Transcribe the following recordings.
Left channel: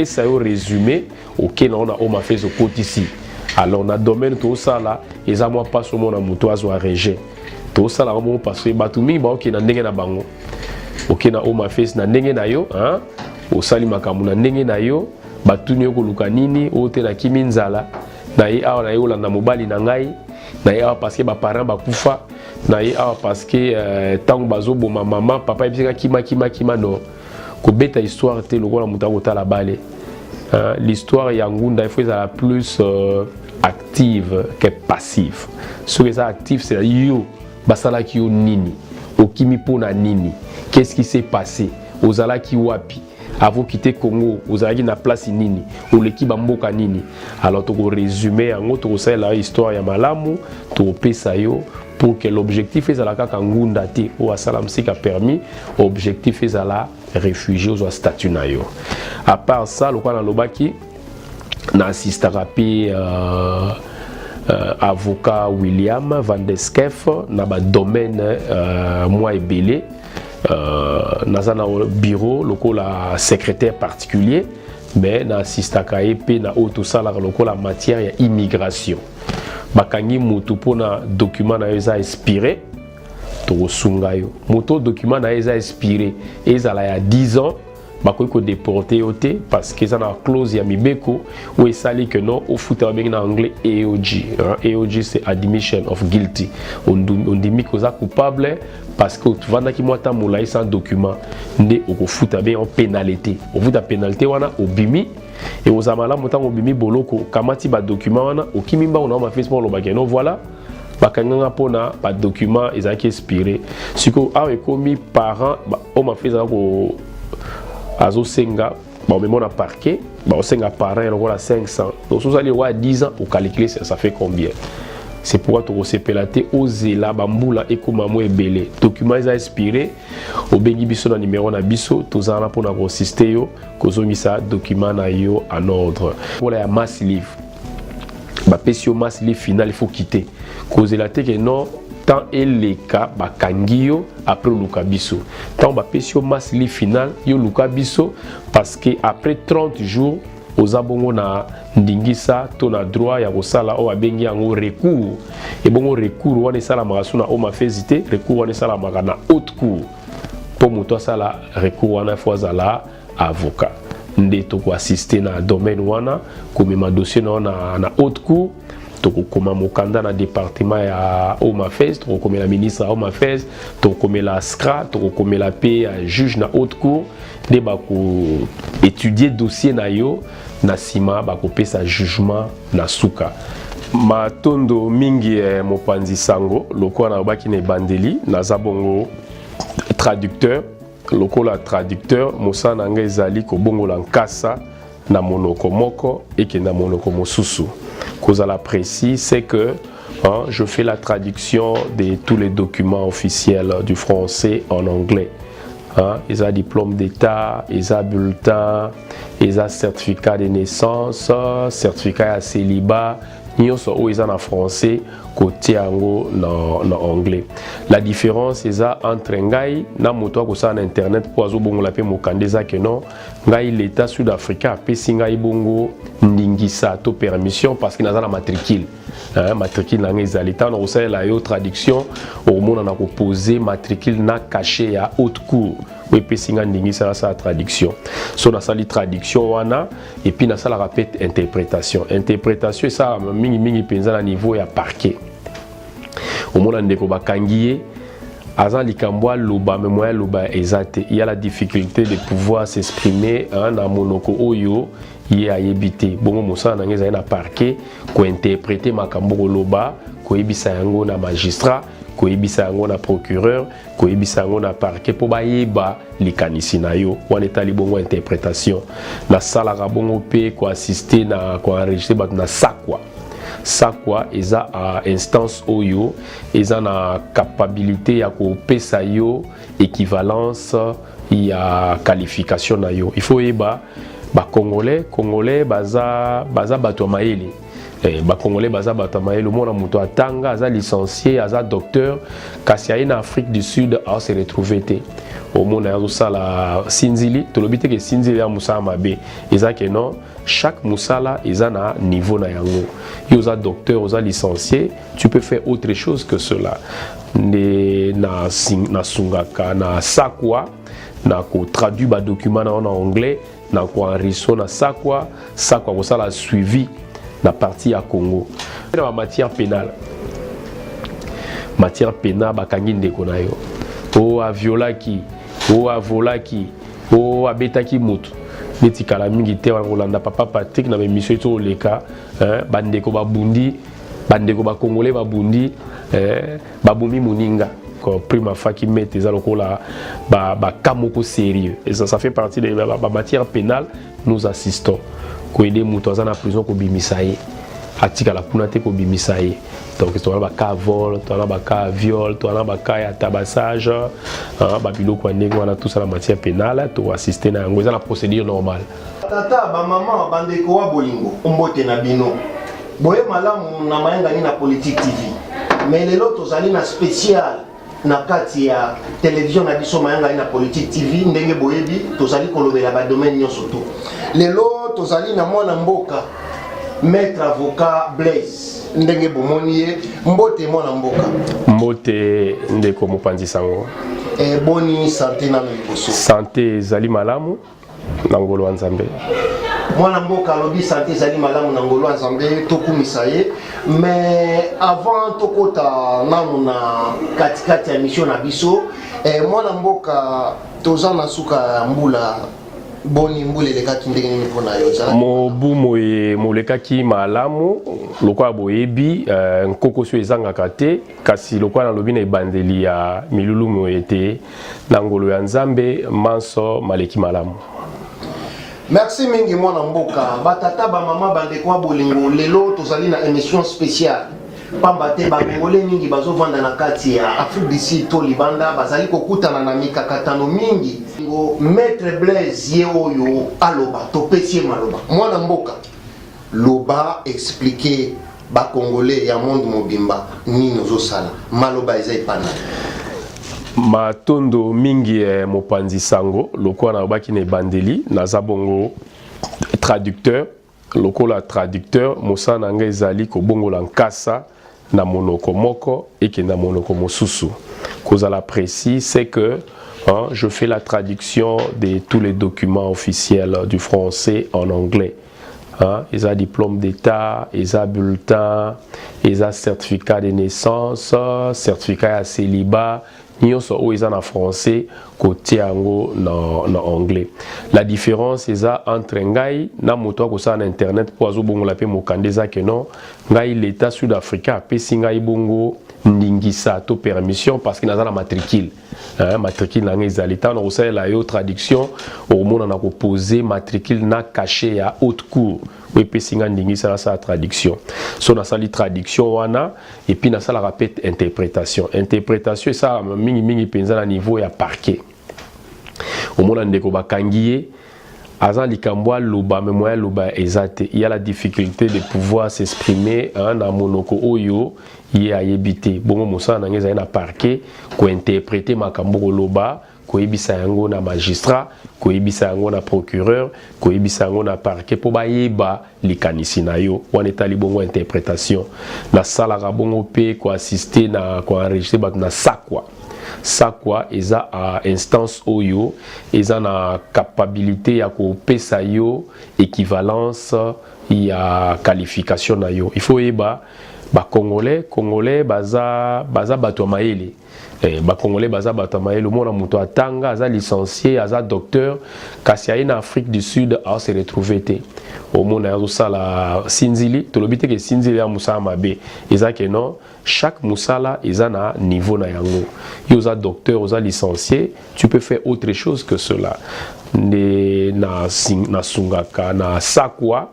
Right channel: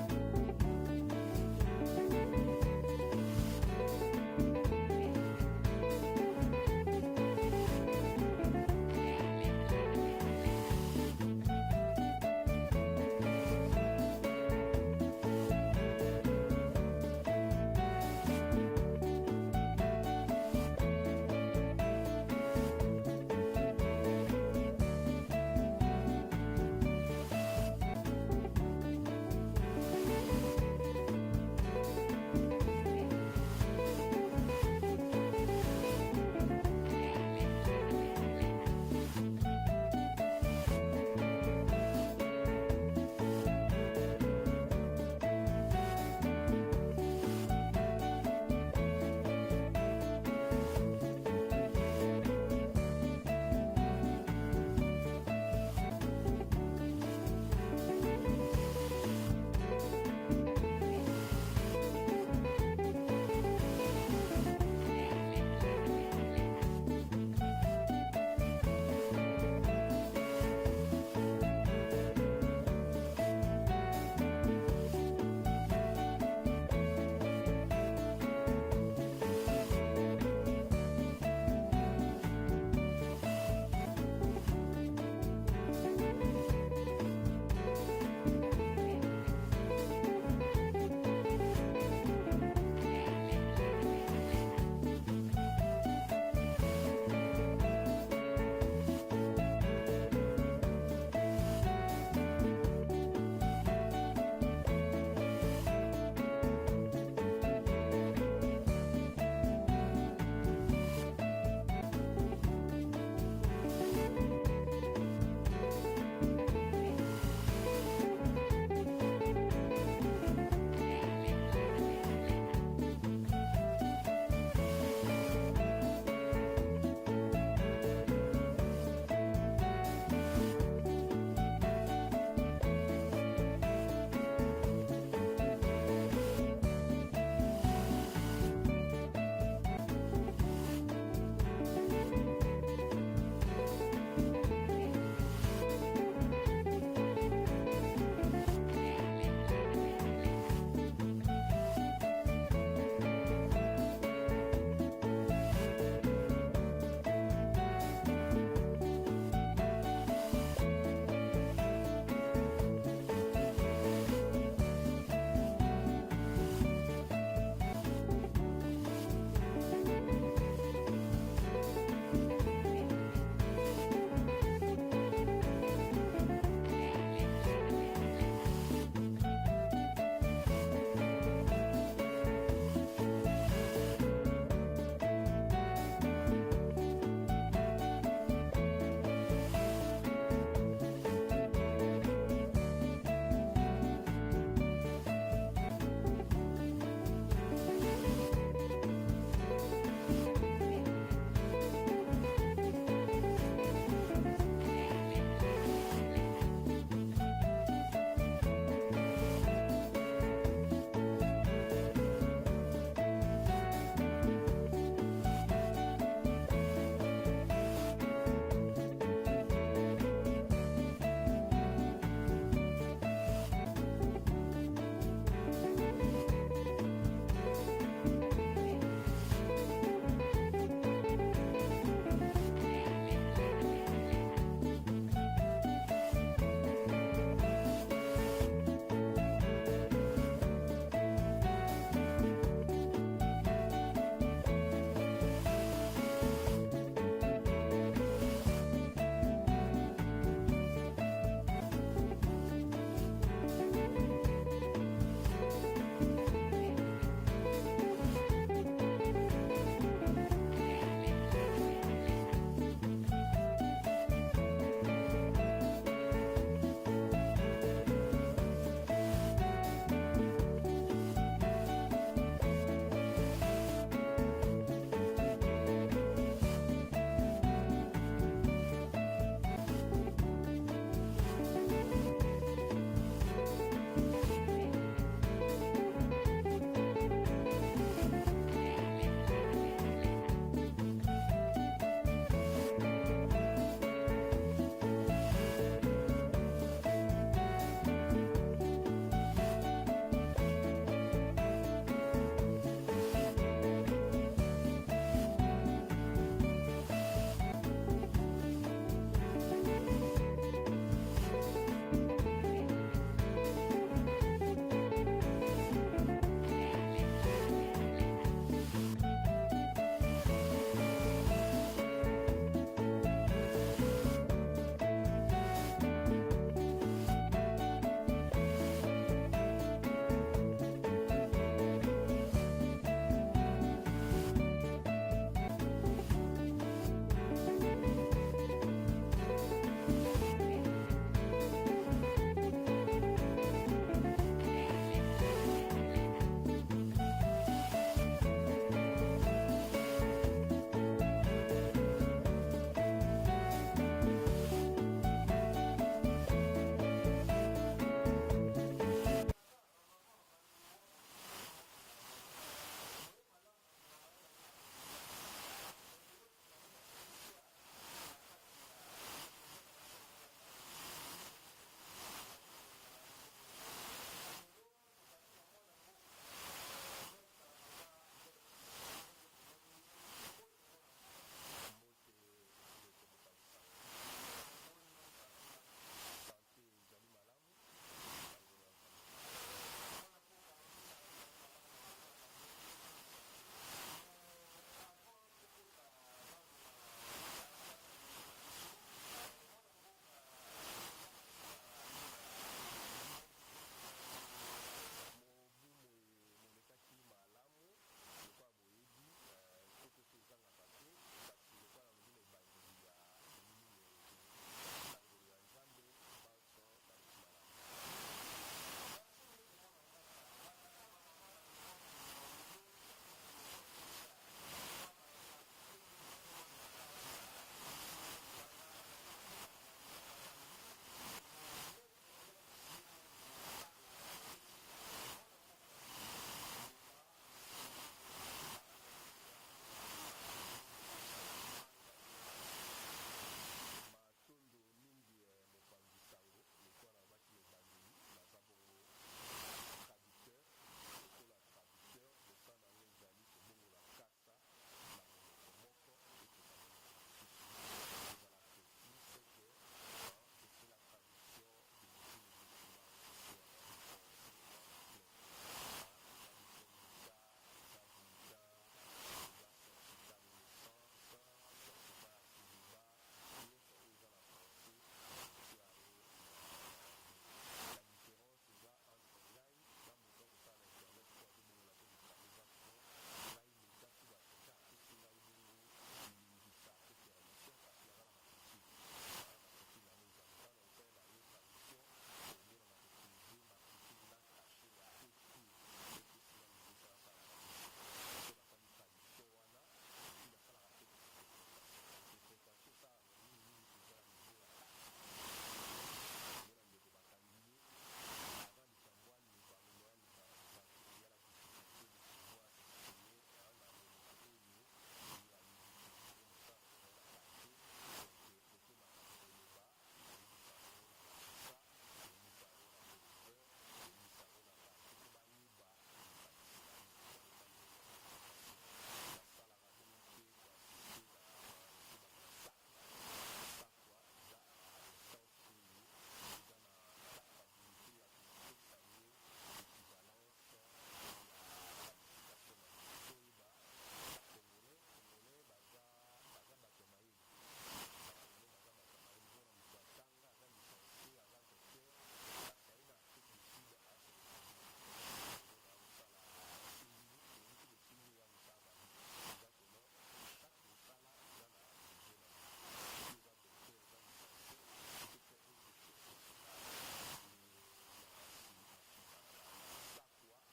Et ça est résumé auquel on a fait au côté ici. Alors, dans le domaine tout ça là, ils ont pas sur mon amour à réger. Tout ça là, on passe batumi, bah ok, na ndenge na bango. Ok, na oma face na ndenge na yo, hein? Au sali makamu na ndenge na yo, batuni yo koluka nini, ote na kiminzala. Na ye awa na yo la na mobali na ngai, na ye awa parce que ba parents ba kufa, na ye awa parce que tango bazo boma maman, papa ebisika kima no. Kobeta histoire te lokola mutakota la bale. L'histoire ya ngunda il faut être plus active que passive. Ce qui est actif c'est yo basala ki yo nini, okimi pona nini, qu'est-ce qui s'est passé, ozala ki wapi, avant quitter Congo, ozala na place nini, ou l'équipe mboka nini. Alors to résumer en autre ça la histoire ya malamu, to pesa yo pour que l'objectif est la kaka ngunda te ou asalam si a permis, objectif est la réfugié ou statut na yo. À part ça, le quoi dans l'obaki na assiste rapide avocat William Van de Skef na ba domaine moi et belé na bureau local la secrétaire particulier mais na assiste kaepe na auto sala local la matière ya immigration bakangi mutu pona document na eza expiré to sungayo moto document na eza expiré ezala ya 10 ans bakoki ko déporter oté parce que ça na clause ya mibeko où esali que non au foot en anglais AOG. AOG c'est admission of guilty. On dit que ça coupable parce que tu vas qui moi ta moulay sans document ndé au foot en pénalité. Au foot à pénalité wana obimi et aux amala motam obimi boloko kamati ba document wana okimimba on a fait pour le bageno voilà. Bakanga pona ba document ezaki expiré. Siko a commis parents on m'a fait ça ko azo senga bon mais mon parquet bon senga parent on a 500 donc vous allez voir 10 ans pour calculer ça fait combien c'est pourquoi tu recépelaté ozela bambula ekomamo ebele document ils a expiré au bengi biso na numéro na biso tozana pour na consister yo kozongisa document na yo en ordre pour la mass livre ba pesio mass livre final il faut quitter kozela te que non tant et les cas bakangio après lukabiso tant ba pesio mass livre final yo lukabiso parce que après 30 jours aux abongo na ndingisa to na droit ya kosala o abengi yango recours et bongo recours wana sala makasuna o mafezité recours wana sala makana haute cour pour moto sala recours wana fois la avocat nde to ko assister na domaine wana komema dossier na haute cour tokokoma mokanda na département ya Omafes tokokomela ministre ya Omafes tokokomela SCRA tokokomela pe juge na haute cour nde bako étudier dossier na yo na sima bakopesa jugement na suka matondo mingi mopanzi sango lokola na baki na bandeli naza bongo traducteur lokola traducteur mosana nga ezali kobongola nkasa na monoko moko et na monoko mosusu. Cause à la précis, c'est que je fais la traduction de tous les documents officiels du français en anglais. Ils ont diplôme d'état, ils ont bulletin, ils ont certificat de naissance, certificat à célibat, ils ont en français, côté en anglais. La différence est entre ngai na moto ko sa na internet pour azo bongo la pe mokandeza que non ngai l'état sud-africain pe singai bongo ndingisa to permission parce que na la matricule matricule na ngai za l'état no sa la yo traduction au monde na ko poser matricule na caché à haute cour oui pe singa ndingisa sa traduction so na sali traduction wana et puis na sala répète interprétation ça mingi penza na niveau ya parquet au monde ndeko bakangiye Azan Likambwa Loba, mais moi Loba exact. Il y a la difficulté de pouvoir s'exprimer dans monoko oyo il y a yebité. Bon mosa na ngeza na parquet ko interpréter makambo Loba, ko yebisa yango na magistrat, ko yebisa yango na procureur, ko yebisa yango na parquet pour ba yeba likanisi na yo. Wana etali bongo interprétation. Na sala ka bongo pe ko assister na ko enregistrer bat na sakwa. Ça quoi ils a instance oyo ils ont la capacité à kopesa yo équivalence ya qualification na yo il faut eba ba congolais baza bato maeli ba congolais baza batama le monde muto atanga aza licencié aza docteur kasi en Afrique du Sud a se retrouver té au monde ya sala sinzili to lobite ke sinzili ya musala mabe ezake non chaque musala eza na niveau na yango yo za docteur oza licencié tu peux faire autre chose que cela na sungaka na sakwa na ko traduire ba document en anglais na ko enregistrer na sakwa ko sala suivi la partie à Congo. Dans la matière pénale, bakangi ndeko na yo. O a violaki, o a volaki, o a betaki mutu. Neti kala mingi te Rolanda papa Patrick na mission to leka, bandeko babundi, bandeko ba congolais babundi, babumi muninga. Prima fois qui met des alokola ba kamoko sérieux. Et ça fait partie de la matière pénale, nous assistons. Ko aider mutu aza na prison ko bimisa ye atika la kuna te ko bimisa ye donc to ba ka vol to ba ka viol to ba ka ya tabassage ba biloko ndenge wana tout ça la matière pénale to assister na yango eza la procédure normale tata ba maman bandeko wa bolingo mbote na bino boye malamu na mayenga ni na politique TV mais lelo tozali na spécial na kati ya télévision na biso mayenga ni na politique TV ndenge boyebi tozali kolobela ba domaine nyonso to lelo tozali na mwana mboka maître avocat Blaise ndenge bomoni ye mbote mwana mboka mbote ndeko mopanzi sango boni santé na liboso santé ezali malamu na ngolo ya Nzambe mwana mboka alobi santé ezali malamu na ngolo ya Nzambe tokumisa ye mais avant tokota nanu na katikati ya mission na biso mwana mboka toza na suka ya mbula boni mbule lekaki ndenge nini pona yo zala mobu moye molekaki malamu lokwa boyebi nkoko so ezangaka te kasi lokwa na lobi na ebandeli ya milulu moyete na ngolo ya Nzambe manso maleki malamu. Merci mingi mwana mboka batata ba mama bandeko bolingo lelo tozali na émission spéciale pamba te bangolais mingi bazovanda na kati ya Afrique du Sud to libanda bazali kokutana na mikakatano mingi maître Blaise ye oyo aloba topesi maloba mwana mboka loba expliquer ba congolais ya monde mobimba nini ozosala maloba eza ipana matondo mingi mopanzi sango lokola na baki ne bandeli naza bongo traducteur lokola traducteur mosana nga ezali ko bongola nkasa na monoko moko et que na monoko mosusu kozala précis c'est que je fais la traduction de tous les documents officiels du français en anglais. Ils ont diplôme d'état, ils ont bulletin, ils ont certificat de naissance, certificat à célibat, ils ont en français, côté en anglais. La différence est entre ngai na moto ko sa na internet pour azo bongo la pe mokandeza que non, ngai l'état sud-africain pe singai bongo ndingisa to permission parce que naza na matricule. Matricule na ngeza l'état no sa la yo traduction au monde na ko poser matricule na caché à haute cour. Oui, pe singa ndingisa sa traduction. So na sali traduction wana et puis na sala rappel interprétation. Interprétation ça mingi penza na niveau ya parquet. Au monde ndeko bakangiye azan likambwa loba memoya loba ezate il y a la difficulté de pouvoir s'exprimer na monoko oyo ye ayebite bongo mosana ngeza na parquet ko interpréter makambo loba ko yebisa yango na magistrat ko yebisa yango na procureur ko yebisa yango na parquet po bayeba likanisi na yo wana etali bongo interprétation na sala ka bongo pe ko assister na ko enregistrer bat na sakwa sakwa eza à instance oyo eza na capacité ya ko pesa yo équivalence ya qualification na yo il faut yeba ba congolais baza bato maele ba congolais baza bato maele mona muto atanga aza licencié aza docteur kasi en Afrique du Sud a se retrouver té au monde ya sala sinzili to lobite ke sinzili ya musala mabe ezake non chaque musala eza na niveau na yango yo za docteur oza licencié tu peux faire autre chose que cela na sungaka na sakwa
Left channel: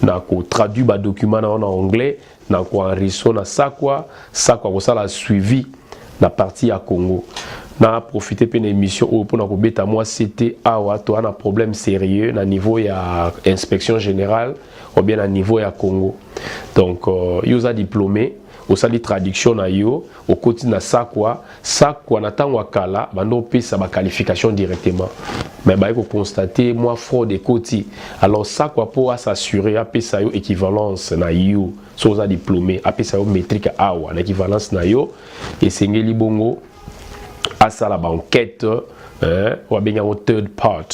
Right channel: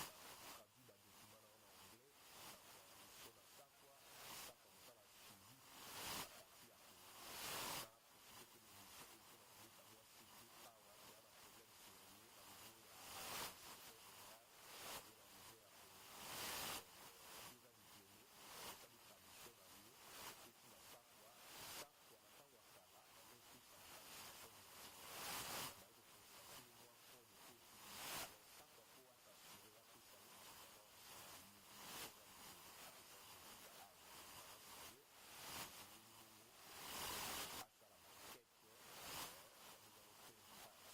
na ko traduire ba document en anglais na ko enregistrer na sakwa ko sala suivi na partie à Congo na profiter pe na émission pour na kobeta moi c'était awa to un problème sérieux na niveau ya inspection générale ou bien à niveau ya Congo. Donc yo za diplômé au sali traduction na yo au côté na sakwa na tango kala bando pesa ba qualification directement mais ba ko constater moi fraude côté alors sakwa pour s'assurer a pesa yo équivalence na yo so za diplômé a pesa yo métrique awa na équivalence na yo et sengeli bongo à ça la banquette ou bien en third part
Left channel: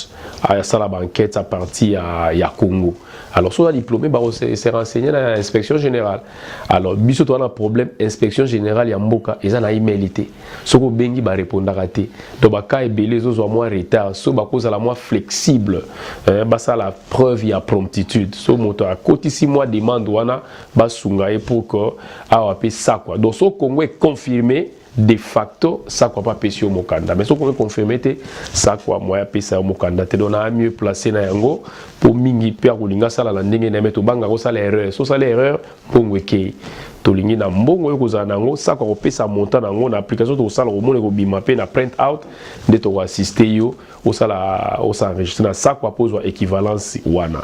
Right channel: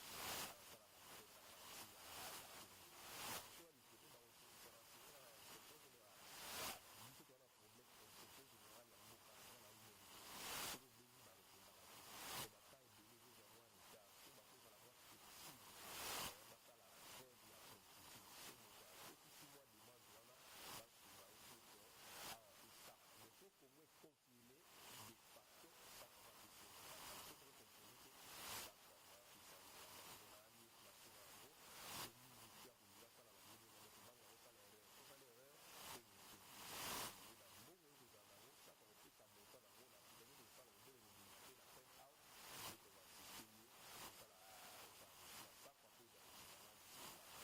à ça la banquette à partir à Congo. Alors, si on a diplômé, c'est renseigné dans l'inspection générale. Alors, si on a un problème, inspection générale, il y a un mboka, ils ont un email. Si on a répondre à rater. Donc, les autres ont moins retard. Si on a moins flexible, ça la preuve, il y a promptitude. Si on a côté 6 mois demande, on a pour que ça quoi. Donc, si on Congo est confirmé, de facto, ça quoi pas pêcher au Mokanda. Mais si on peut confirmer, ça quoi, moi, pêcher au Mokanda. Tu dois mieux placer na yango pour mingi pia kulinga sala la ndenge na meto banga ko sala erreur. So sala erreur pour ngweke. To lingi na mbongo yo kozana nango, ça quoi pesa montant nango na application to sala ko mona ko bima pe na print out de to assister yo au sala au s'enregistrer na ça quoi pose équivalence wana.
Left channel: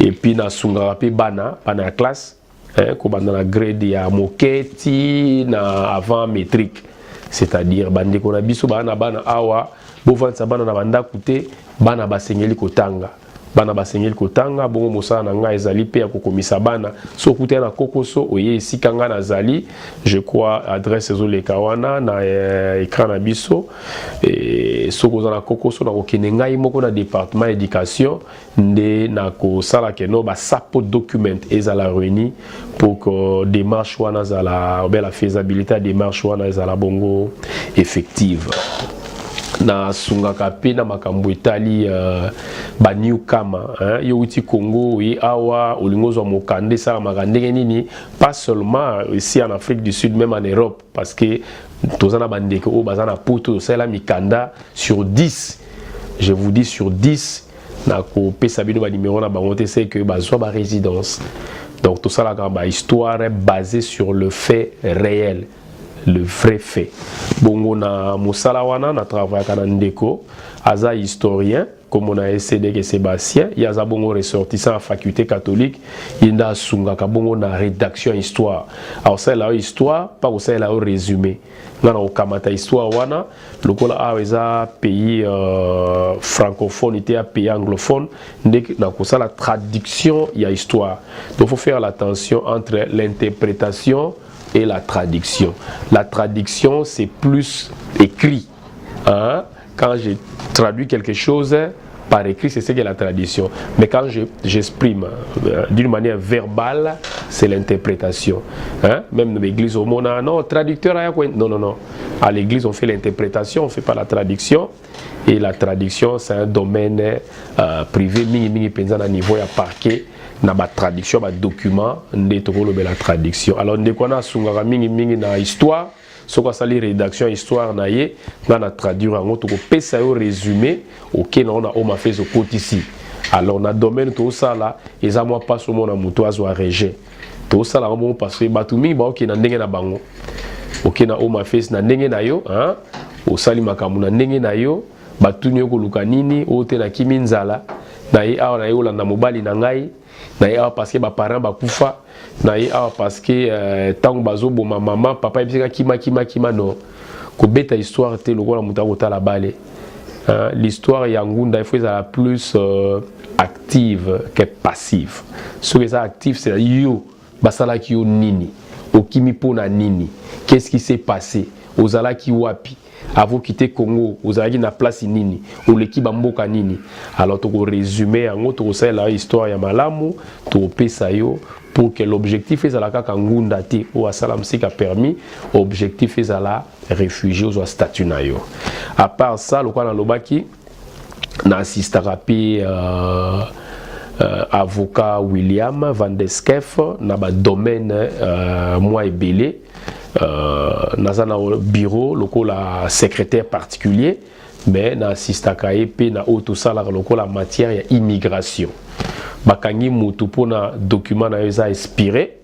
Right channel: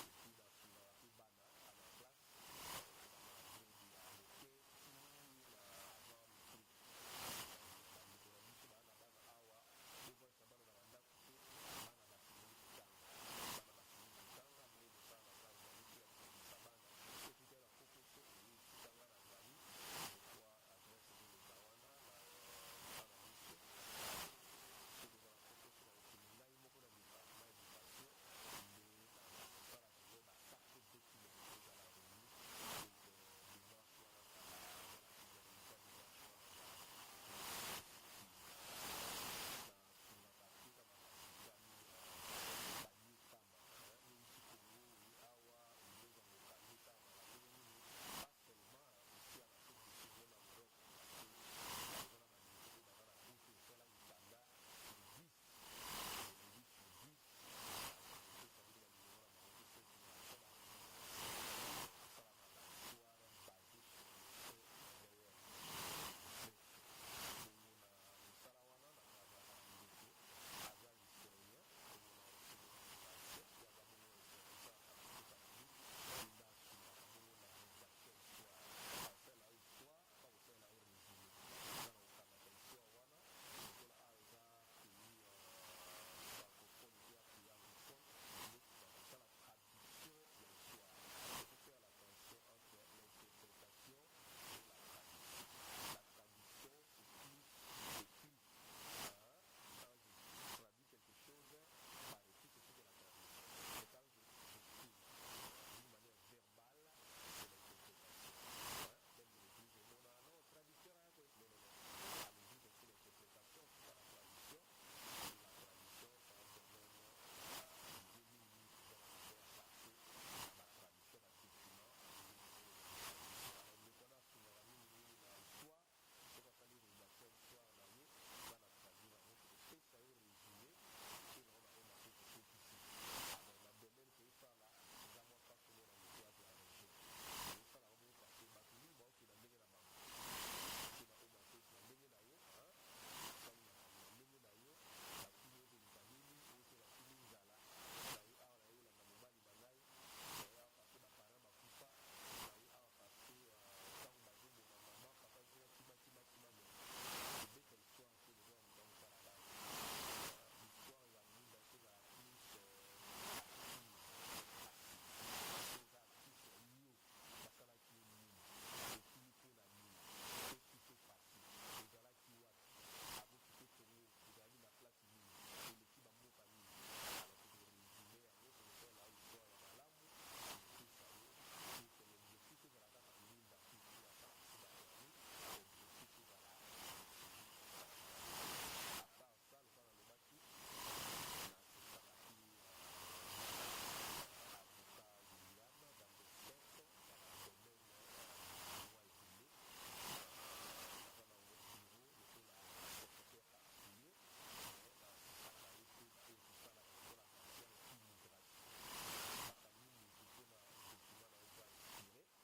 Et puis na sunga pe bana la classe dans la grade ya moketi na avant métrique, c'est-à-dire bande ko na biso bana awa bo vantsa bana na banda kute bana basengeli kotanga bongo mosala na nga ezali pe ya kokomisa bana so kute na kokoso oye esika nga na zali je crois adresse ezoleka wana na écran na biso et so koza na kokoso na kokende ngai moko na département éducation nde na kosala keno ba sapo document ezala réuni pour que démarche wana zala la faisabilité démarche wana ezala bongo effective. Na sungaka pe na makambo etali ba newcomer yo uti Congo oui awa olingozo mokande ça makandenge nini pas seulement ici en Afrique du Sud même en Europe parce que tozana bandeko o bazana poto ça la mikanda sur 10 je vous dis sur 10 na ko pesa bino ba numéro na bango te c'est que bazwa ba résidence donc tout ça la ba histoire basée sur le fait réel. Le vrai fait. Bongo na musala wana na travail kana ndeko aza historien comme on a essayé que Sébastien il y a za bongo ressortissant à faculté catholique il a sunga ka bongo na rédaction histoire alors ça la histoire pas au ça la résumé ngana okamata histoire wana lokola aweza pays francophone était à pays anglophone ndek na ko ça la traduction il y a histoire donc faut faire l'attention entre l'interprétation et la traduction. La traduction, c'est plus écrit. Hein? Quand je traduis quelque chose par écrit, c'est ce qu'est la traduction. Mais quand j'exprime d'une manière verbale, c'est l'interprétation. Hein? Même dans l'église, on a non, traducteur, non. À l'église, on fait l'interprétation, on ne fait pas la traduction. Et la traduction, c'est un domaine privé, mingi pensant à niveau à parquet. Na ba traduction ba document nde tokolo be la traduction alors nde kona sungaka mingi na histoire soko sali rédaction histoire na ye na traduire ngo to ko pesa yo résumé OK na on a o ma fait au côté ici alors na domaine to ça là eza moi pas so mona muto azo rejet to ça là mo parce que batu mingi ba OK na ndenge na bango OK na o ma fait na ndenge na yo hein o sali makamu na ndenge na yo batu nyo ko luka nini o te na kiminzala na ye awa na yo landa mobali na ngai na ye parce que ba parents ba kufa na ye parce que tango bazo boma maman papa ebisika kima no ko beta histoire te lokola muta kotala bale l'histoire ya ngunda il faut être plus active que passive ce que ça active c'est yo basala ki yo nini okimi pona nini qu'est-ce qui s'est passé ozala ki wapi avant quitter Congo ozalaki na place nini oleki bamboka nini alors to résumer en autre ça la histoire ya malamu to pesa yo pour que l'objectif est la kaka ngunda te o asala msika permis objectif est la réfugié aux statut na yo à part ça le kwa na lobaki na assistaka pe avocat William Van de Skef na ba domaine moi ebele dans un bureau local secrétaire particulier mais na assistaka EP na auto salaire local la matière ya immigration bakangi mutu pona document na eza expiré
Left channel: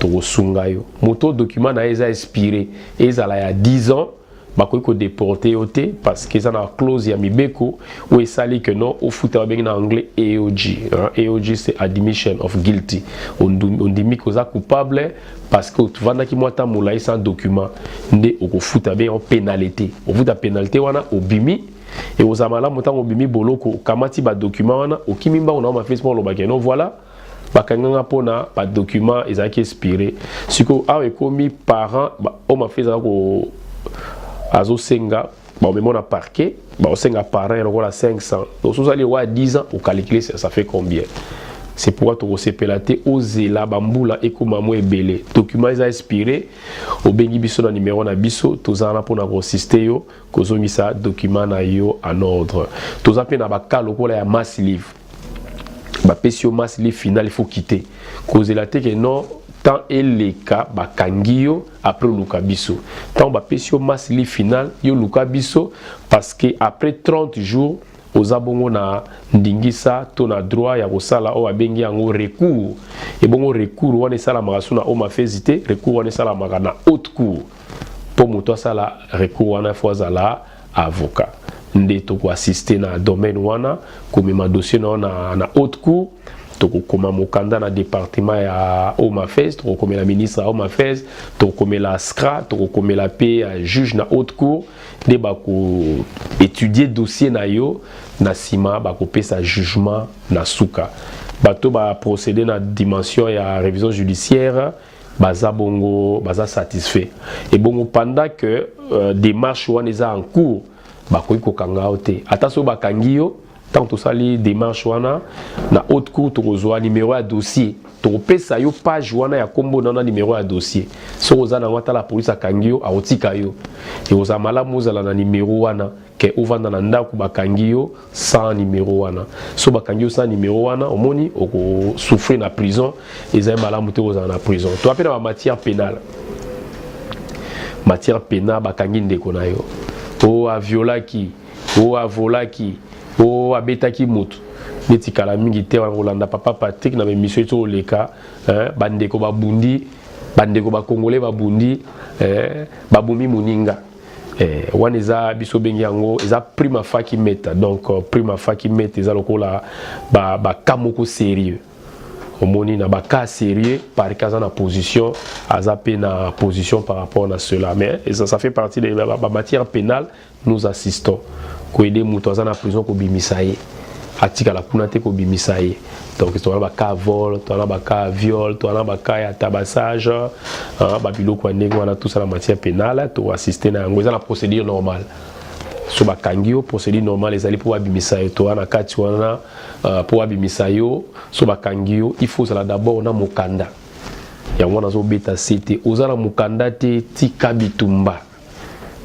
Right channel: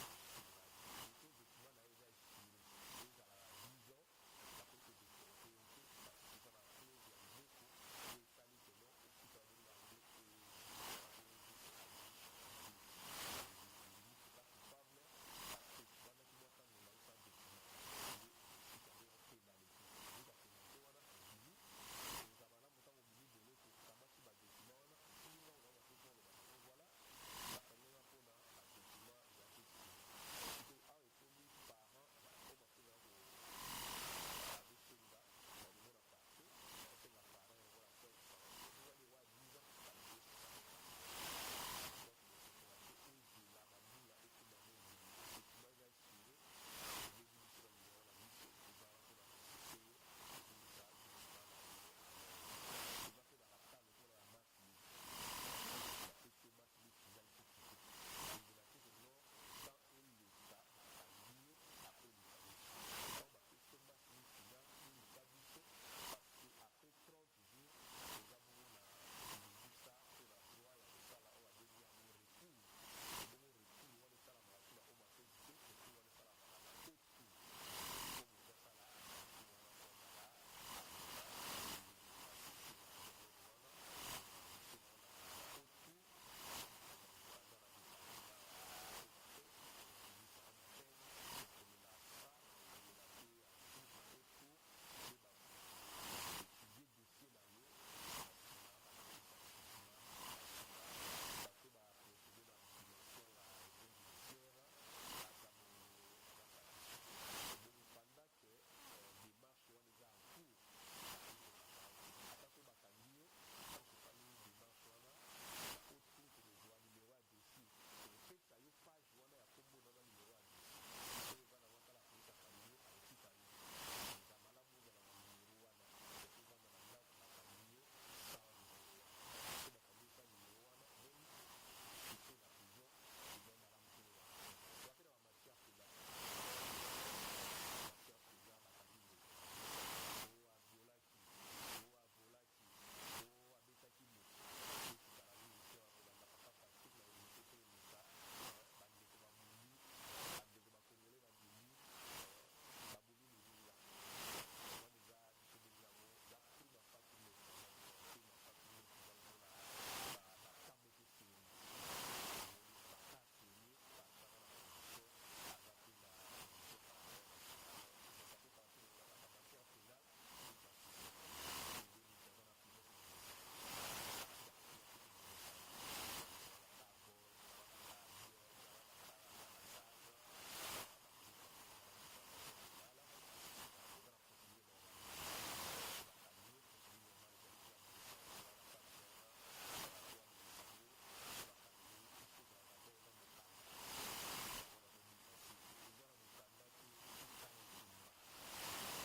to sunga yo moto document na eza expiré ezala ya 10 ans bakoki ko déporter yote parce que ça na clause ya mibeko où esali que non au foot ba en anglais AOG, hein? AOG c'est admission of guilty, on dit que ça coupable parce que tu vas na ki mwata mulai sans document nde au foot ba en pénalité, au foot pénalité wana obimi et aux amala motango obimi boloko kamati ba document wana okimimba on a Facebook lo bakeno voilà bakanganga pona ba document ezaki expiré siko awe komi parent on m'a fait ça ko azo senga ba on a parquet ba on senga parent on a 500 donc sous aller wa 10 ans au calculer ça fait combien. C'est pourquoi tu recépelaté ozela bambula ekoma mo ebele document ils a expiré au bengi biso na numéro na biso tozana pona consister yo kozomisa document na yo en ordre tozape na bakalo kola ya mass livre ba pesio mass livre final il faut quitter kozela te que non tant et les cas bakangio après luka biso tant ba pesio mass livre final yo luka biso parce que après 30 jours aux abongo na ndingisa to na droit ya kosala o abengi yango recours et bongo recours wana sala makasuna o mafezité recours wana sala makana haute cour pour moto sala recours wana fois la avocat nde to ko assister na domaine wana komema dossier na haute cour to koma mokanda na département ya Omafez to komela ministre ya Omafez to komela SCRA to komela pe juge na haute cour de bako étudier dossier na yo na sima bako pesa jugement na suka bato ba procéder na dimension ya révision judiciaire baza bongo baza satisfait et bongo pendant que démarche wana eza en cours bakoki kokanga ote ata so bakangi yo tant to sali démarche wana na haute cour to kozwa numéro ya dossier to pesa yo page wana ya kombo na numéro ya dossier so oza na wata la police akangi yo aotika yo et oza malamu ozala na numéro wana ke ovanda na ndako bakangi yo sans numéro wana so bakangi yo sans numéro wana omoni oko souffrir na prison ezali malamu te ozala na prison to apena ba matière pénale bakangi ndeko na yo o aviolaki o avolaki o abetaki mutu neti kala mingi te Rolanda papa Patrick na émission to leka bandeko babundi bandeko ba congolais babundi babumi muninga wana eza biso bengi yango eza prima facie meta donc prima facie meta eza lokola ba kamoko sérieux omoni na ba cas sérieux par cas na position azape na position par rapport à cela mais ça fait partie de la matière pénale nous assistons ko aider mutu azana prison ko bimisaye atika la kuna te ko bimisaye donc to ba cas vol to ba cas viol to ba cas ya tabassage ba biloko ndenge wana tout ça la matière pénale to assister na ngo eza la procédure normale so ba kangio procédure normale ezali pour abimisaye to na kati wana pour abimisayo so ba kangio il faut ça d'abord na mokanda ya wana zo beta cité ozala mokanda te tika bitumba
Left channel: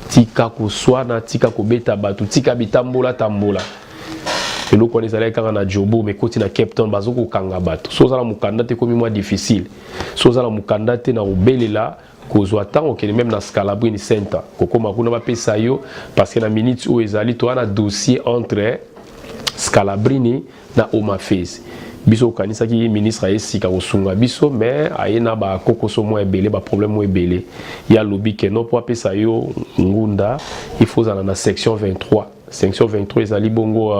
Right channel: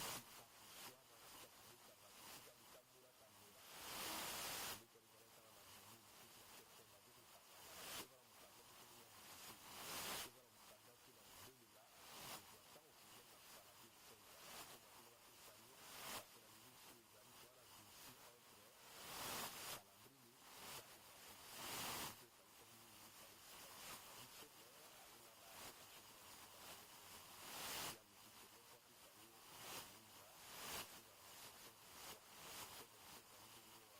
tika kuswana tika kubeta batu tika bitambola tambola eloko wana ezalaki kaka na jobo mais koti na Cape Town bazoko kanga bato so ozala mokanda te komi mwa difficile so ozala mokanda te na obelela kozwa ntango okende même na Scalabrini Center kokoma kuna bapesa yo parce que na minute oyo ezali to wana dossier entre Scalabrini na Omafez biso okanisaki ministre ayesika kosunga biso mais ayena ba kokoso mo ebele ba problème mo ebele ya lobi ke no po apesa yo ngunda il faut zala na section 23 section 23 ezali bongo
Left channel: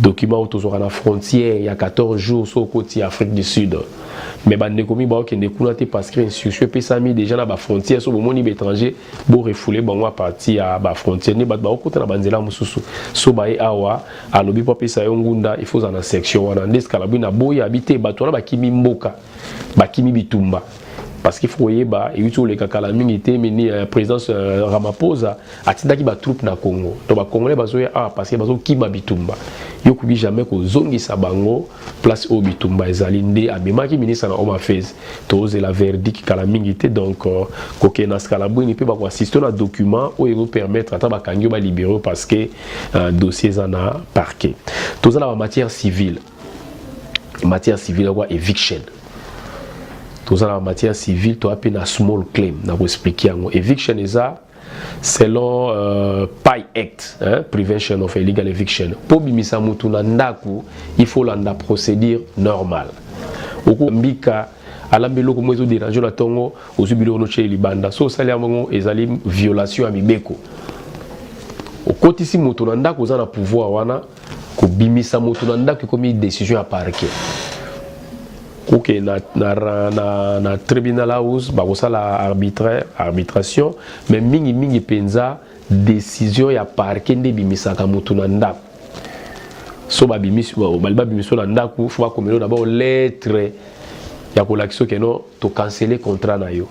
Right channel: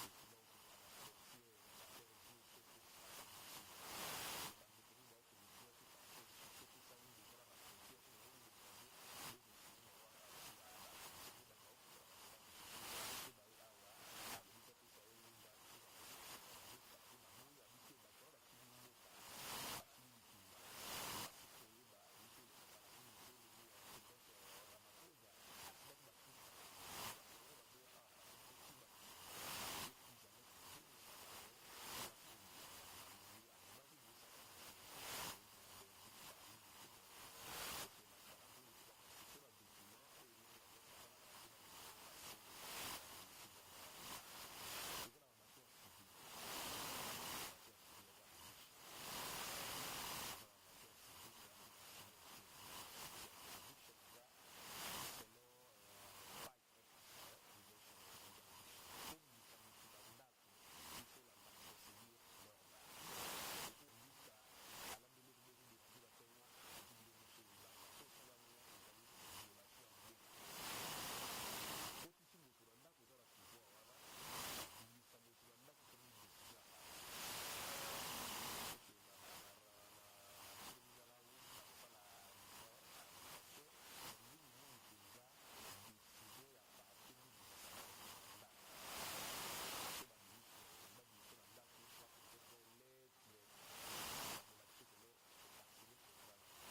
document autour na frontière il y a 14 jours sur côté Afrique du Sud mais bande komi ba okende kuna te parce que instruction pesa mi déjà na ba frontière so bomoni étranger bo refouler bango à partir à ba frontière ni ba okota na banzela mususu so ba e awa alobi po pesa yo ngunda il faut za na section wana ndeskala na boya habiter bato na bakimi mboka bakimi bitumba parce qu'il faut yeba et uto le kakala mingi te mini présidence Ramaphosa atindaki ba troupe na Congo to ba congolais bazoya parce que bazo kiba bitumba yo kubi jamais ko zongisa bango place au bitumba ezali nde amemaki ministre na Omafez to ze la verdict kala mingi te donc ko na Scalabrini pe ba ko assister na document o ego permettre ata ba kangyo ba libérer parce que dossier na parquet to za la matière civile quoi eviction tout ça en matière civile, tu as un small claim. Je vais expliquer. Eviction est selon PI Act, Prevention of Illegal Eviction. Pour bimisa mutu na ndaku, il faut la procédure normale. Oko mbika alambelo ko mozo déranger la tongo ozubilo no chez libanda so sali amongo ezali violation ya mibeko okotisi moto na ndako za na pouvoir wana ko bimisa moto na ndako komi décision ya parquet OK na tribunal house ba ko sala arbitration mais mingi penza décision ya parquet nde bimisa ka moto na ndako so ba bimiso na ndako faut ba komelo d'abord lettre ya kolakisa keno to canceller contrat na yo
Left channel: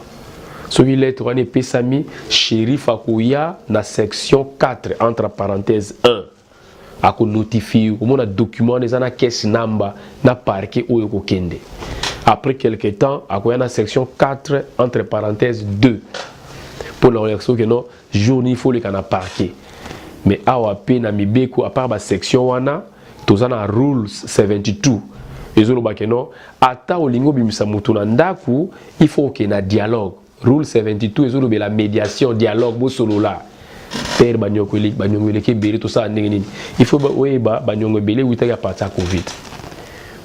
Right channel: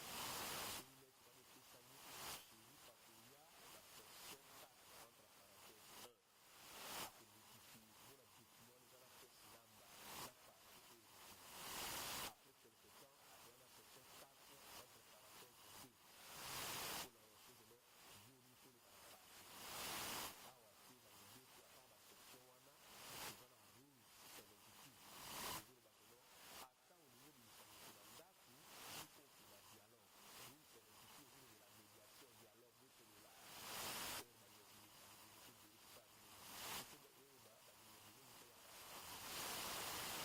soki lettre wana epesami shérif akoya na section 4 entre parenthèse 1 akonotifie omona document wana eza na caisse number na parquet oyo kokende après quelque temps akoya na section 4 entre parenthèse 2 pour na kolakisa keno jour ni faut leka na parquet mais awa pe na mibeko à part ba section wana toza na rule 72 ezoloba keno ata olingo bimisa mutu na ndaku il faut que na dialogue rule 72 ezoloba la médiation dialogue bo solola père banyongwele ke beri to sa ndenge nini il faut oyeba banyongwele witaka partir covid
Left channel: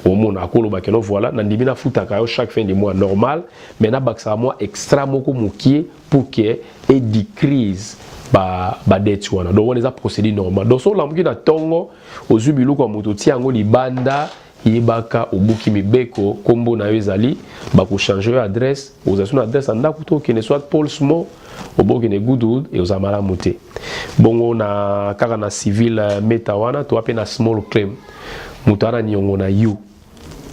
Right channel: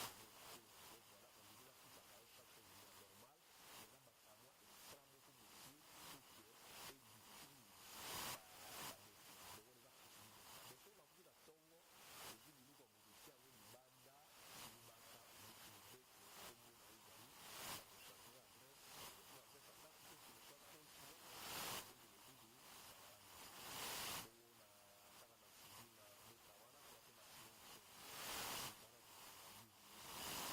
omona akoloba keno voilà na ndimi na futaka yo chaque fin de mois normal mais na baksa mois extra moko mokie pour que et di crise ba dette wana donc on les a procédé normal donc so lamuki na tongo ozubilu kwa moto tiango libanda yebaka obuki mibeko kombo na yo ezali bako changer adresse ozasuna adresse ndako to kene soit Paul Smo oboki ne Goodwood et ozamala muté bongo na kaka na civil metawana to apena small claim mutara nyongo na you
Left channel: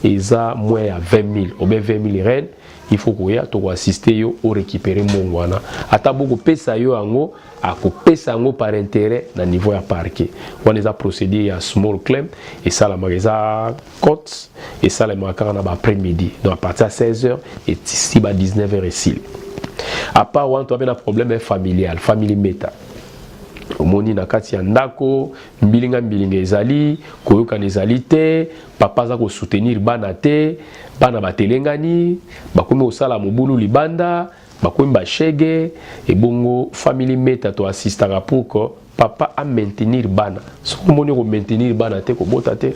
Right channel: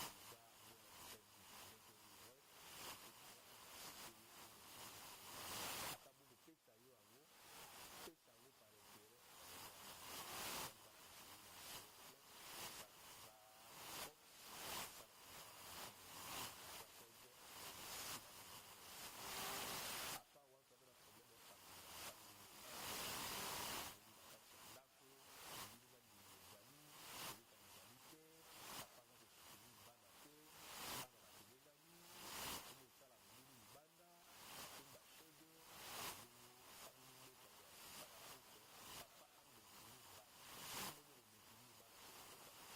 eza moins ya 20 000 obe 20 000 ren il faut koya to assister yo o récupérer mbongo wana ata boko pesa yo ango akopesa yango par intérêt na niveau ya parquet wana eza procédé ya small claim esalamaka eza cote esalamaka kaka na après-midi donc à partir ya 16h et ici ba 19h esili à part wana to ape na problème familial famille meta omoni na kati ya ndako mbilinga ezali koyokana ezali te papa aza kosoutenir bana te bana batelengani bakomi kosala mobulu libanda bakomi bashege ebongo famille meta to assistaka pour que papa a maintenir bana soko omoni ko maintenir bana te kobota te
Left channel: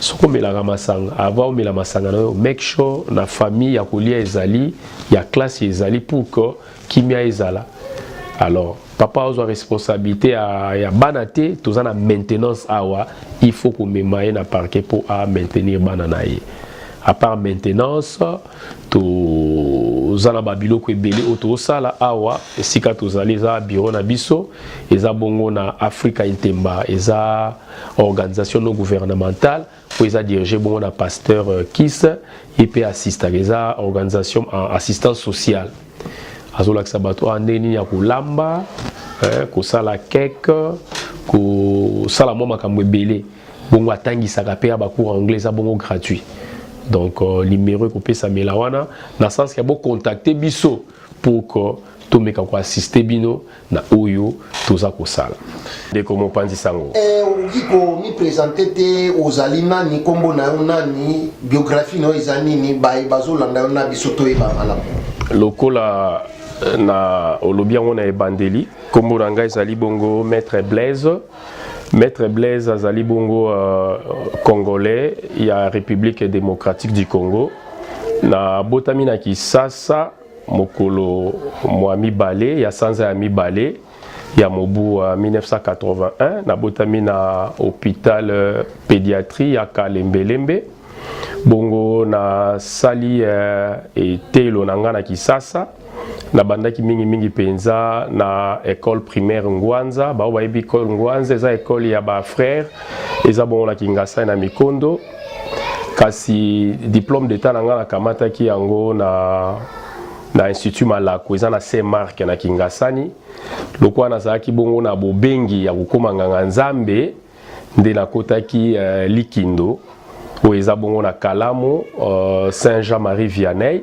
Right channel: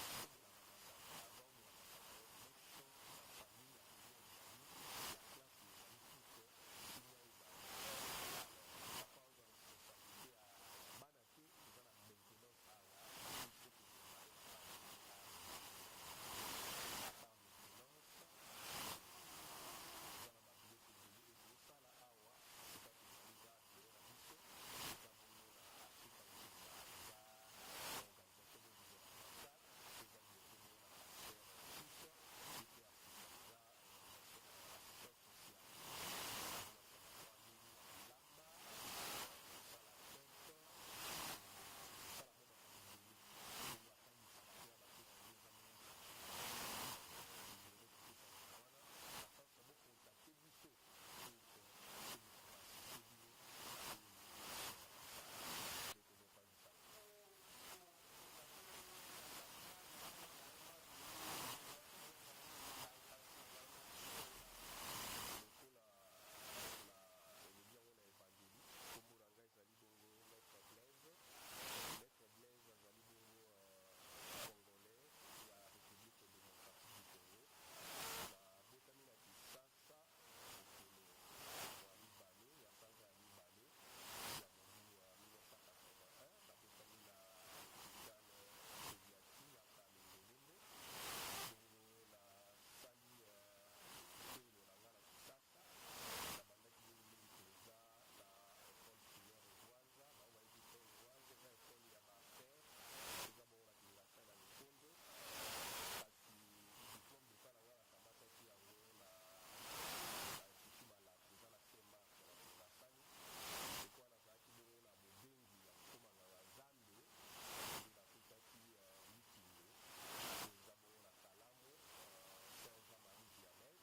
soko omelaka masanga avant omela masanga na yo make sure na famille ya kolia ezali ya classe ezali pour que kimia ezala alors papa a responsabilité ya bana te toza na maintenance awa il faut ko memaye na parquet pour a maintenir bana na ye à part maintenance to zana babiloko ebele oto sala awa esika tozali za bureau na biso eza bongo na Africa Intemba eza organisation non gouvernementale pour eza dirigé bongo na pasteur Kiss et assista eza organisation en assistance sociale azolakisa bato andeni ya kolamba kosala keke kosala mwa makambo ebele bongo atangisaka pe ya bacours anglais eza bongo gratuit donc numéro kopesa mela wana na sens ya bo contacter biso pour que tomeka ko assister bino na oyo toza kosala ndeko mopanzi sango okiko mi présenter te ozali nani kombo na yo nani biographie na yo eza nini bazolanda yo na biso toyeba malamu lokola na olobi yango na ebandeli kombo na ngai ezali bongo Maître Blaise azali bongo congolais ya République démocratique du Congo na botami na Kisasa mokolo mwa mibale ya sanza ya mibale ya mobu 1981 na botami na hôpital pédiatrie ya Kalembelembe bongo na sali etelo na nga na Kisasa na bandaki mingi penza na école primaire Ngwanza ba obayebi école Ngwanza eza école ya ba frère eza bongo na Kingasa na Mikondo kasi diplôme d'état na nga na kamataki yango na institut Malako eza na Saint-Marc na Kingasani lokwa nazalaki bongo na bobengi ya kokoma nganga nzambe nde nakotaki Likindo oyo eza bongo na Kalamo Saint-Jean-Marie Vianney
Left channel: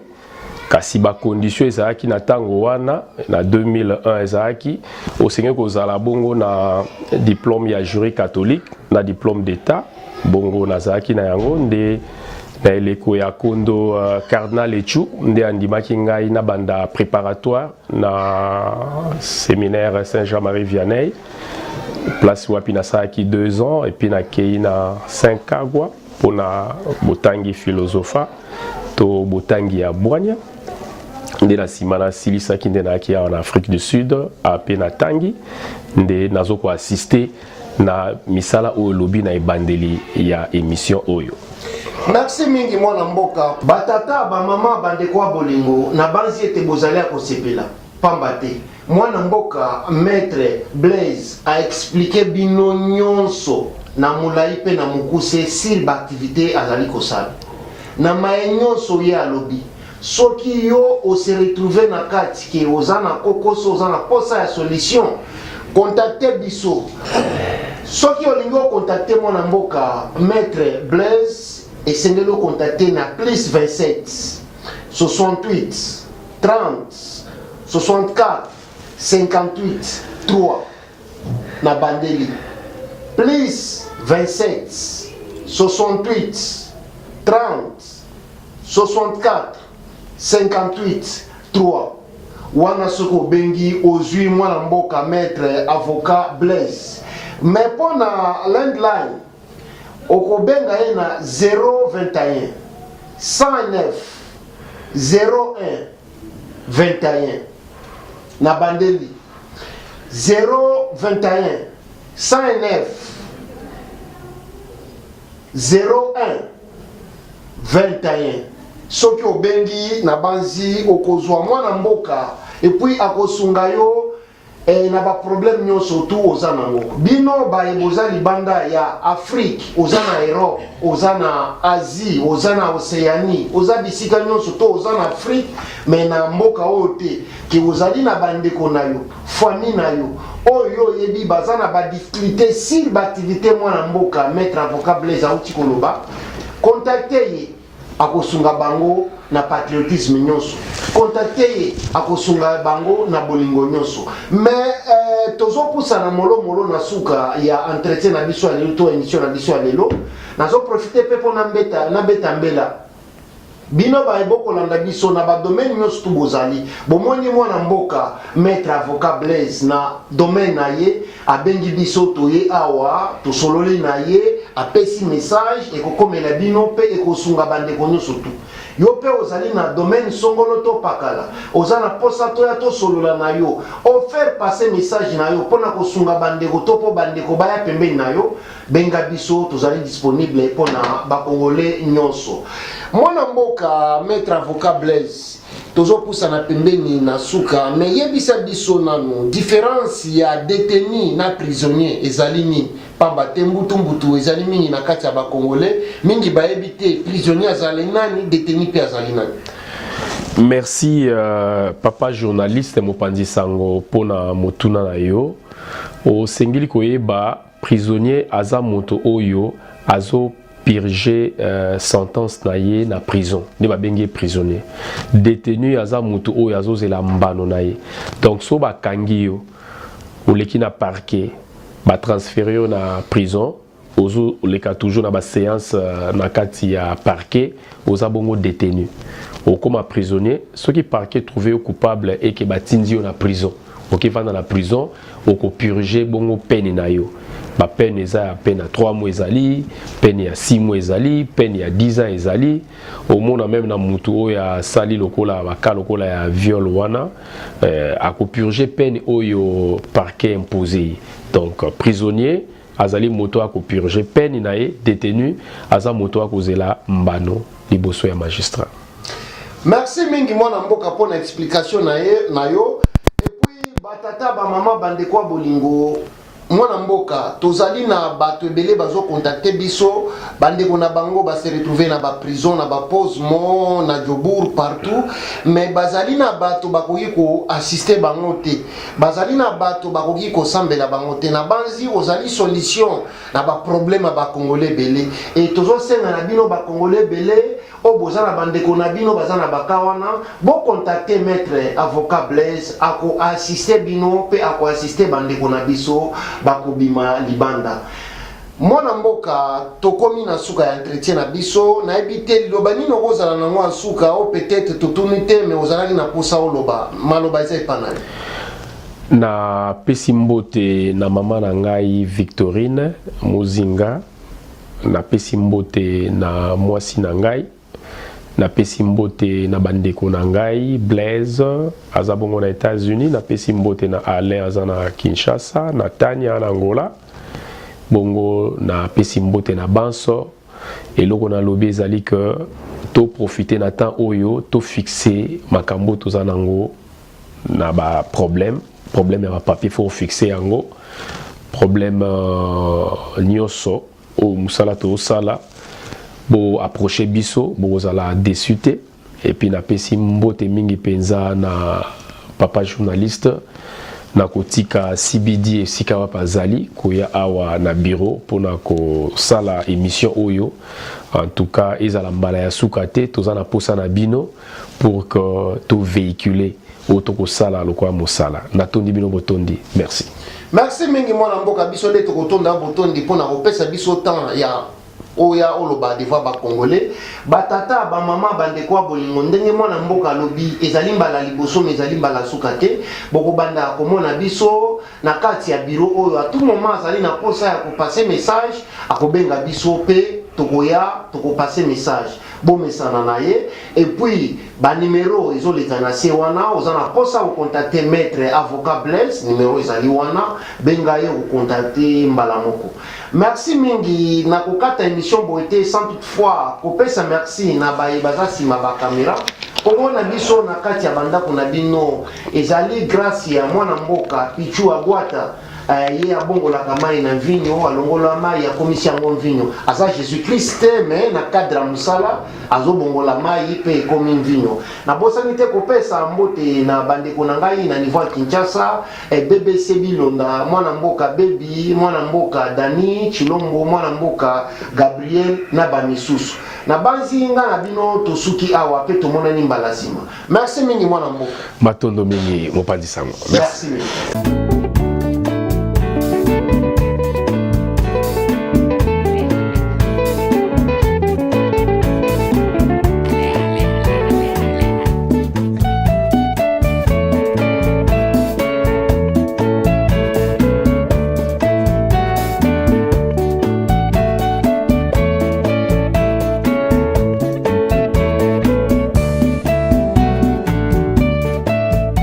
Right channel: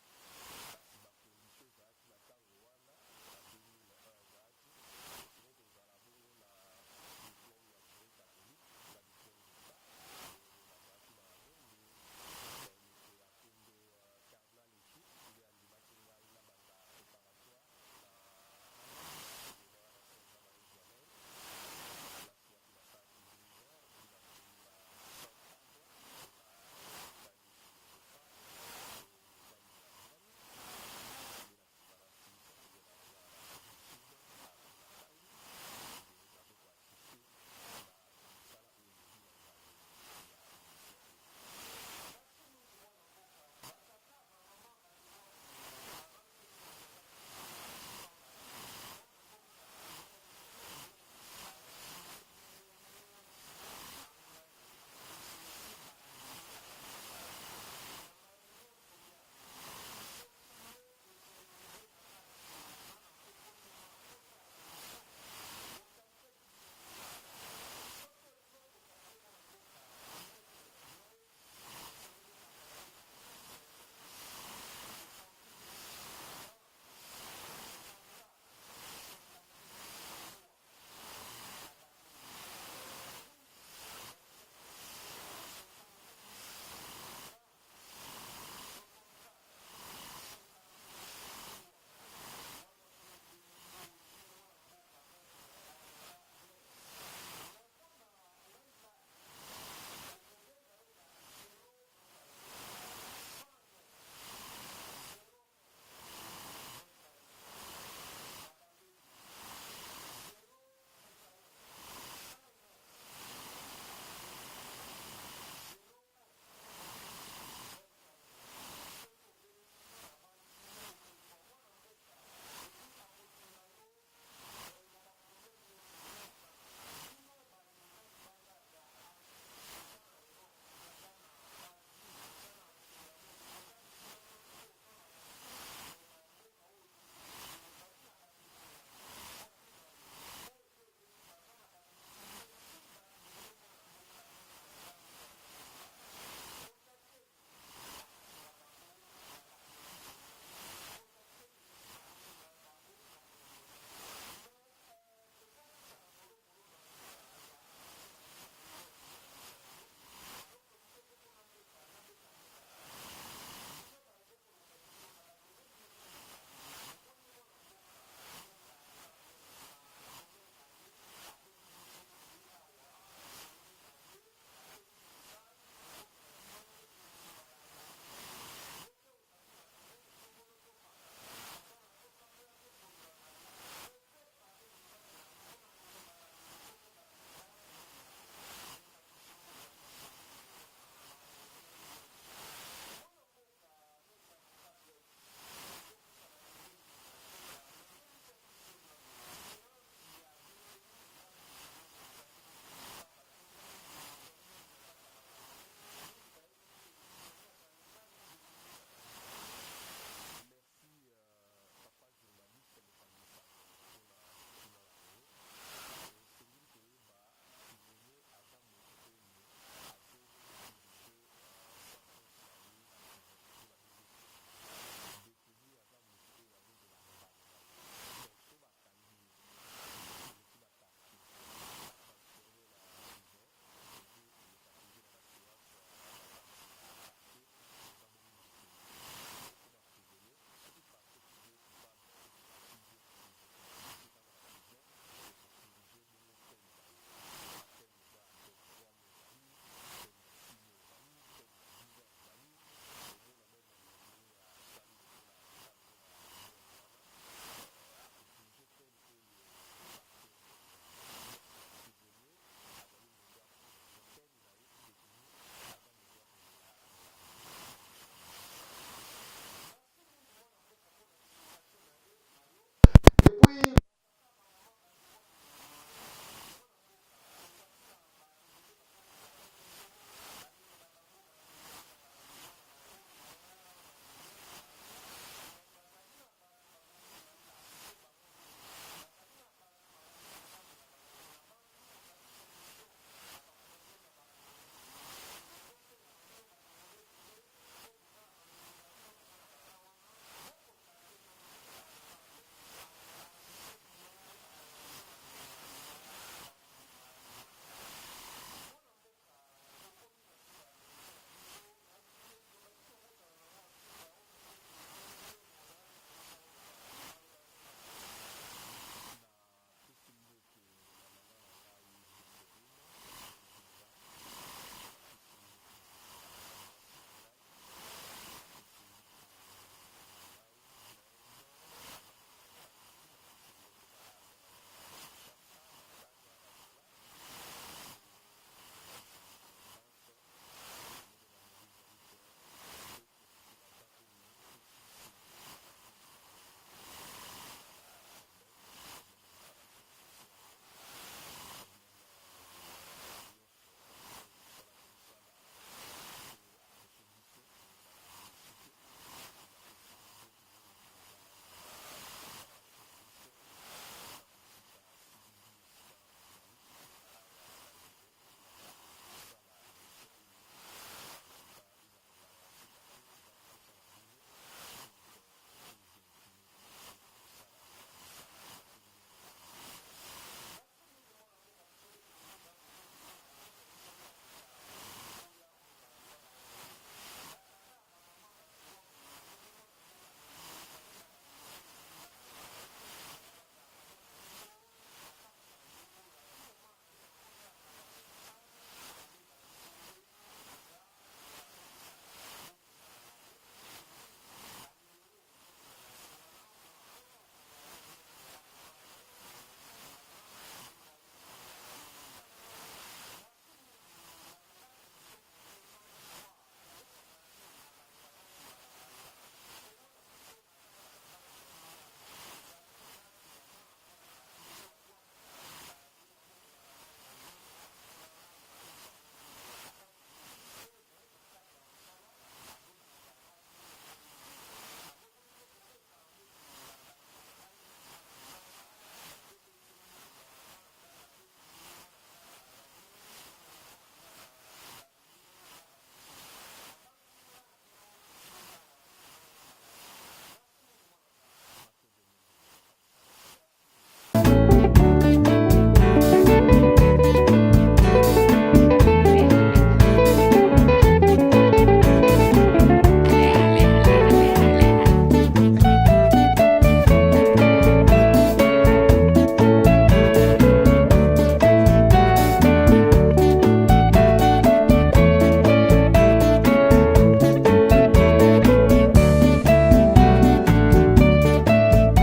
kasi ba condition ezalaki na tango wana na 2001 ezalaki osengeli kozala bongo na diplôme ya jury catholique na diplôme d'état bongo nazalaki na yango nde na eleko ya kondo cardinal Echu nde andimaki ngai na banda préparatoire na séminaire Saint-Jean-Marie Vianney place wapi nasalaki 2 ans et puis nakei na 5 kagwa mpona botangi philosopha to botangi ya bwanya nde na simana silisaki nde na kia en Afrique du Sud ape na tangi nde nazo ko assister na misala oyo lobi na ebandeli ya émission oyo. Merci mingi mwana mboka batata ba mama bandeko wa bolingo na banzi ete bozali ko sepela pamba te mwana mboka maître Blaise a expliqué bino nyonso na mulai pe na mukuse sur l'activité azali kosala na maenyoso ye alobi soki yo o se retrouver na kati ke ozana kokoso ozana posa ya solution contacter biso soki olingi contacter mwana mboka maître Blaise esengeli contacter na plus 27 68 30 64 58 3 na bandeli plus 27 68 30 64 58 3 wana soko bengi ozui mwana mboka maître avocat Blaise mais pour na landline okobenga ye na 021 109 01 21 na bandeli 021 109 01 21 soki obengi na banzi okozwa mwana mboka et puis akosunga yo na ba problème nyonso tu oza nango bino ba eboza libanda ya Afrique oza na Europe oza na Asie oza na Océanie oza bisika nyonso to oza na Afrique mais na mboka oyo te ke ozali na bandeko na yo famille na yo oyo yebi baza na ba difficulté sur ba activité mwana mboka maître avocat Blaise auti koloba contacter ye akosunga bango na patriotisme nyonso contacter ye akosunga bango na bolingo nyonso mais tozo pousa na molo na suka ya entretien na biso ya lelo to émission na biso ya lelo nazo profiter pe po na beta mbela bino ba eboko landa biso na ba domaine nyonso tu bozali bomoni mwana mboka maître avocat Blaise na domaine na ye abengi biso toye awa to sololi na ye apesi message ekokomela bino pe ekosunga bandeko nyonso tu yo pe ozali na domaine songolo to pakala ozana posa to ya to solola na yo o faire passer message na yo pona kosunga bandeko to po bandeko baya pembeni na yo benga biso tozali disponible pona ba congolais nyonso mwana mboka maître avocat Blaise tozo pousa na pembeni na suka mais yebisa biso nanu différence ya détenu na prisonnier ezali ni pamba te mbutu ezali mingi na kati ya ba congolais mingi bayebi te prisonnier azali nani détenu pe azali nani. Merci papa journaliste Mopanzi Sango pona motuna na yo o sengili koyeba prisonnier aza moto oyo azo purger sentence na ye na prison ne babengi prisonnier détenu aza moto oyo azozela mbano na ye donc so bakangi yo oleki na parquet ba transférer yo na prison ozo oleka toujours na ba séance na kati ya parquet oza bongo détenu okoma prisonnier ceux qui parquet trouvé coupable et que batindi yo na prison ok vanda na prison oko purger bongo peine na yo ba peine eza ya peine à 3 mois ezali peine ya 6 mois ezali peine ya 10 ans ezali au monde même na mutu oyo ya sali lokola baka lokola ya viol wana ako purger peine oyo parquet imposé donc prisonnier azali moto ako purger peine na ye détenu aza moto akozela mbano liboso ya magistrat. Merci mingi mwana mboka pona explication na yo et puis batata ba mama bandeko bolingo mwana mboka tozali na bato ebele bazo contacter biso bandeko na bango ba se retrouver na ba prison na ba Posmo na Jobour partout mais bazali na bato bakoki ko assister bango te bazali na bato bakoki ko sambela bango te na banzi ozali solution na ba problème ba congolais belé et tozo senga na bino ba congolais belé o bozana bandeko na bino bazana bakawana bo contacter maître avocat Blaise ako assister bino pe ako assister bandeko na biso bakobima libanda mwana mboka tokomi na suka ya entretien na biso na ebite liloba nino kozala nango asuka o peut-être totuni te mais ozalaki na posa oloba maloba eza epanani na pesi mbote na mama na ngai Victorine Muzinga na pesi mbote na mwasi na ngai napesi mbote na bandeko na ngai Blaise aza bongo na États-Unis, napesi mbote na Alain aza na Kinshasa, na Tania na Angola, bongo napesi mbote na Banso. Eloko na lobi ezali que to profiter na temps oyo to fixer makambo toza nango na ba problème ya ba papier faut fixer yango problème nyoso o musala to sala bo approcher biso bo zala désuté et puis na pesi mbote mingi penza na papa journaliste na kotika CBD esika wapa zali koya awa na bureau pona ko sala émission oyo. En tout cas ezala mbala ya suka te toza na posa na bino pour que to véhiculer auto ko sala lokwa mosala na tondi bino botondi. Merci. Merci mingi mwana mboka biso de to kotonda botondi pona kopesa biso temps ya oya oloba devant ba congolais batata ba mama bande kwa bolingo ndenge mwana mboka lobi ezali mbala liboso ezali mbala suka te boko banda komona biso na kati ya bureau oyo à tout moment azali na posa ya ko passer message akobenga biso pe tokoya toko passer message bon message na ye et puis ba numéro ezoleta na se wana ozana posa ko contacter maître avocat Blaise numéro ezali wana benga ye ko contacter mbala moko. Merci mingi na kokata émission boité sans toutefois kopesa merci na baza sima ba caméra kongo na biso na kati ya banda kuna bino ezali grâce ya mwana mboka Pichu Agwata ye abongola kamai na vinyo alongola mai ya komisi yango vinyo asa Jésus Christ mais na cadre musala azobongola mai pe komi vinyo na bosani te kopesa mbote na bandeko na ngai na niveau Kinshasa BBC Bilonda mwana mboka Baby mwana mboka Dani Chilombo mwana mboka Gabriel na bamisusu na banzi nga na bino tosuki awa pe tomona ni mbala sima. Merci mingi mwana mboka matondo mingi mopandi sango. Merci mingi.